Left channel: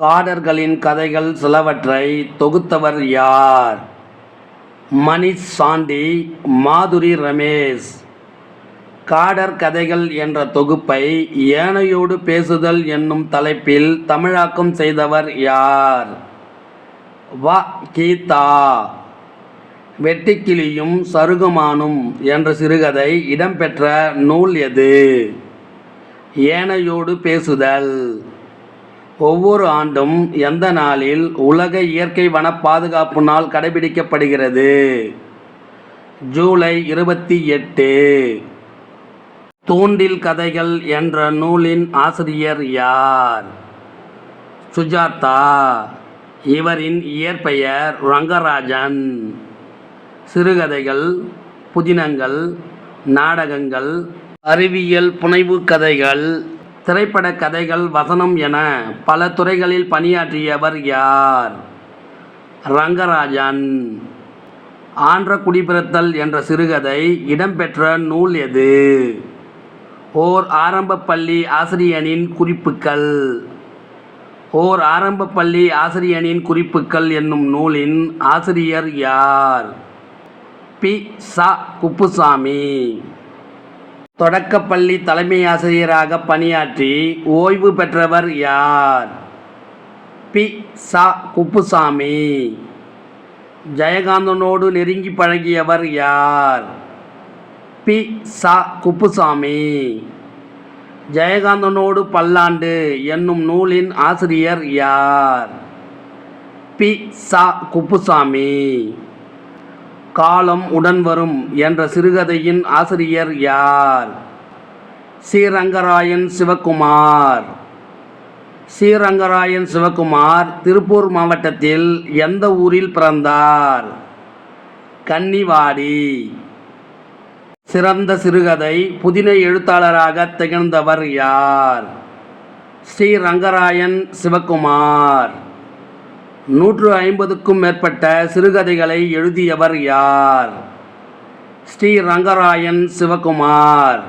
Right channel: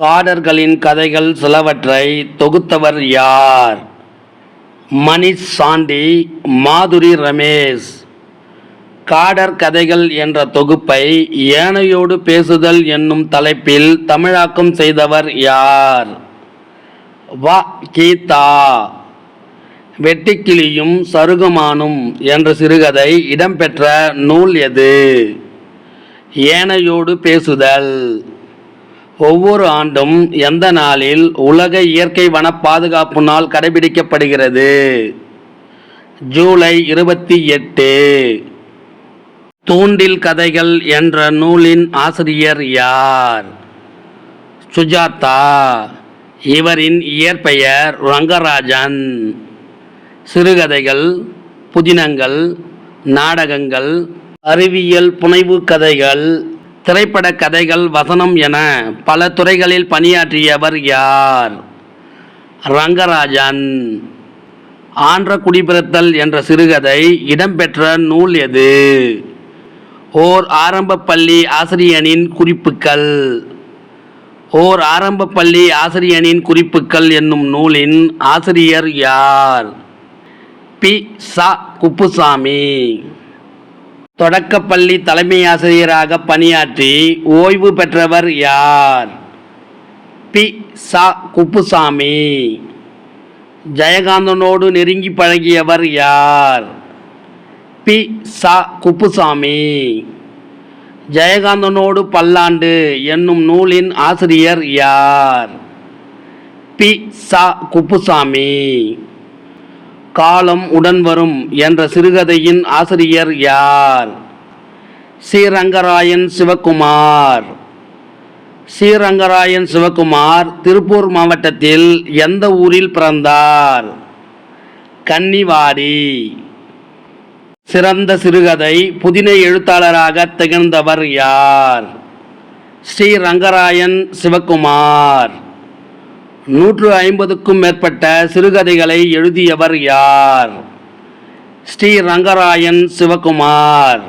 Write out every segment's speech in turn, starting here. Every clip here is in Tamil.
காடர்களின் கதைகள் சிலவற்றை தொகுத்தவர் யார்? மணிஷ் சாண்டி மாதுரி ரமேஷ். காடர் கதைகள் என்ற தொகுப்பை ஏனையோடு பேசுதல் என்னும் தலைப்பில் தமிழாக்கம் செய்தவர் யார்? வ. கீதா. வெட்டிக்கிளியும் சருகமானும் என்ற சிறுகதை இடம்பெற்ற நூல் எது? ஏனையோடு பேசுதல். ஒவ்வொரு ஆண்டும் எந்த நாளில் உலக இயற்கை வன பாதுகாப்பு நாள் கடைபிடிக்கப்படுகிறது? ஜூலை இருபத்தி எட்டு. தூண்டில் கதைகள் என்ற நூலின் ஆசிரியர் யார்? சுஜாதா. இவரின் இயற்பெயர் ரங்கராஜன். சிறுகதைகள் புதினங்கள் நாடகங்கள் அறிவியல் புனைவு கதைகள் திரைப்பட கதைகள் வசனம் என பல துறைகளில் பணியாற்றியவர் யார்? ரங்கராஜன். ஆன்ற குடிபிறத்தல் என்ற சிறுகதை இடம்பெற்ற நூல் எது? ஓர் ஆரம்ப பள்ளி ஆசிரியனின் குறிப்புகள் ஓர் ஆரம்ப பள்ளி ஆசிரியனின் குறிப்புகள் என்னும் நூலின் ஆசிரியர் யார்? பி. ச. குப்புசாமி. தொடக்கப்பள்ளி தலைமை ஆசிரியராக பணியாற்றி ஓய்வு பெற்றவர் யார்? பி. சா. குப்புசாமி. ஜெயகாந்தனோடு நெருங்கி பழகியவர் யார்? பி. சா. குப்புசாமி. ஜெயகாந்தனோடு பல்லாண்டு என்னும் நூலின் ஆசிரியர் யார்? பி. சா. குப்புசாமி. காலம் உடன் வரும் என்ற சிறுகதையின் ஆசிரியர் யார்? ஸ்ரீரங்கராயன் சிவகுமார். ஸ்ரீரங்கராயன் சிவகுமார் திருப்பூர் மாவட்டத்தில் எந்த ஊரில் பிறந்தார்? கன்னிவாடி. சிறந்த சிறுகதை புதின எழுத்தாளராக திகழ்ந்தவர் யார்? ஸ்ரீ ரங்கராயன் சிவகுமார். நூற்று ஐம்பதுக்கும் மேற்பட்ட சிறுகதைகளை எழுதியவர் யார்? ஸ்ரீ ரங்கராயன் சிவகுமார்.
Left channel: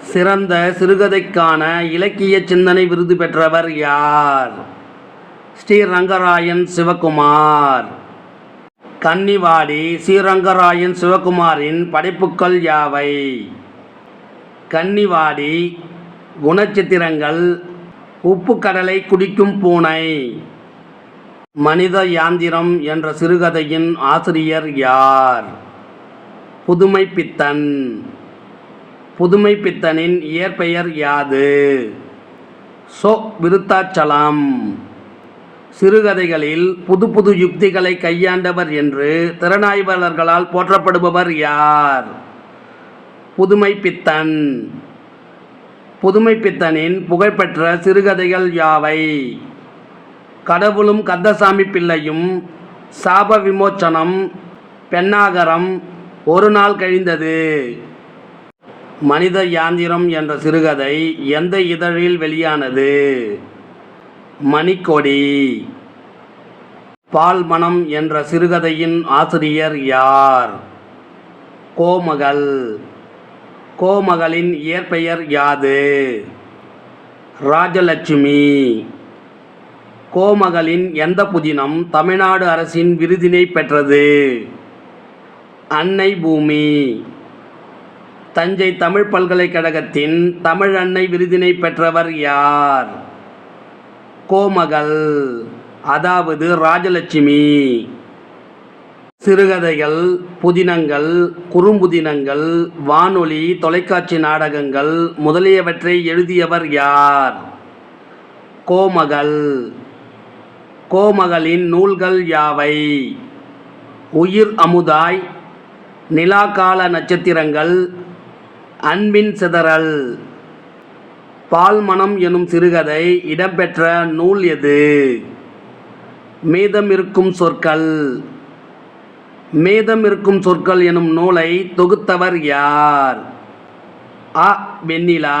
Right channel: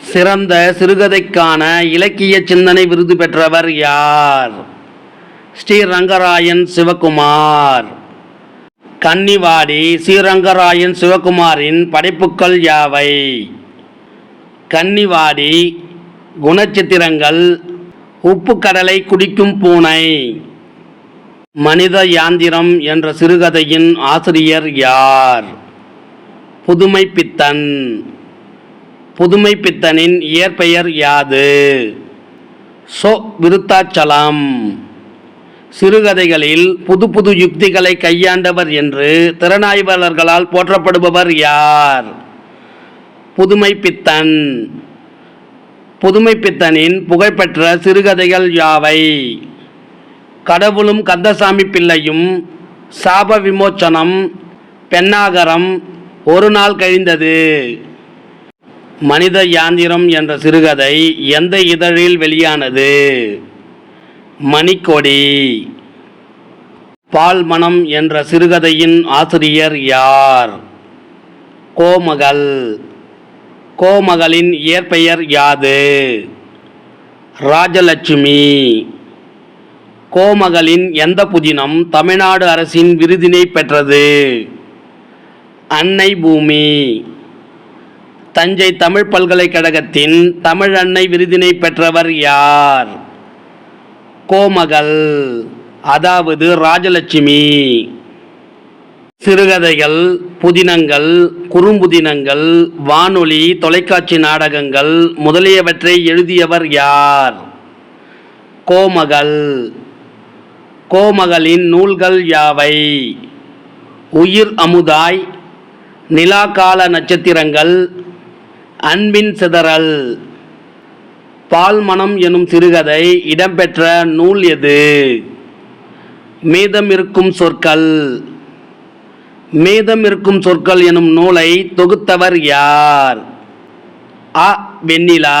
சிறந்த சிறுகதைக்கான இலக்கிய சிந்தனை விருது பெற்றவர் யார்? ஸ்ரீ ரங்கராயன் சிவகுமார். கன்னிவாடி ஸ்ரீரங்கராயன் சிவகுமாரின் படைப்புக்கள் யாவை? கன்னிவாடி குணச்சித்திரங்கள் உப்பு கடலை குடிக்கும் பூனை. மனித யாந்திரம் என்ற சிறுகதையின் ஆசிரியர் யார்? புதுமை பித்தன். புதுமை பித்தனின் இயற்பெயர் யாது? சோ விருத்தாச்சலம். சிறுகதைகளில் புது புது யுக்திகளை கையாண்டவர் என்று திறனாய்வாளர்களால் போற்றப்படுபவர் யார்? புதுமை பித்தன். புதுமை பித்தனின் புகழ்பெற்ற சிறுகதைகள் யாவை? கடவுளும் கந்தசாமி பிள்ளையும் சாப விமோச்சனம் பெண்ணாகரம் ஒரு நாள் கழிந்தது. மனித யாந்திரம் என்ற சிறுகதை எந்த இதழில் வெளியானது? மணிக்கொடி. பால் மனம் என்ற சிறுகதையின் ஆசிரியர் யார்? கோமகள். கோமகளின் இயற்பெயர் யாது? ராஜலட்சுமி. கோமகளின் எந்த புதினம் தமிழ்நாடு அரசின் விருதினை பெற்றது? அன்னை பூமி. தஞ்சை தமிழ் பல்கலைக்கழகத்தின் தமிழ் அன்னை விருதினை பெற்றவர் யார்? கோமகள். அதாவது ராஜலட்சுமி. சிறுகதைகள் புதினங்கள் குறும்புதினங்கள் வானொலி தொலைக்காட்சி நாடகங்கள் முதலியவற்றை எழுதியவர் யார்? கோமகள். கோமகளின் நூல்கள் யாவை? உயிர் அமுதாய் நிலாகால நட்சத்திரங்கள் அன்பின் சிதறல் பால்மணம் எனும் சிறுகதை இடம்பெற்ற நூல் எது? மீதமிருக்கும் சொற்கள். மீதமிருக்கும் சொற்கள் எனும் நூலை தொகுத்தவர் யார்? அ. வெண்ணிலா.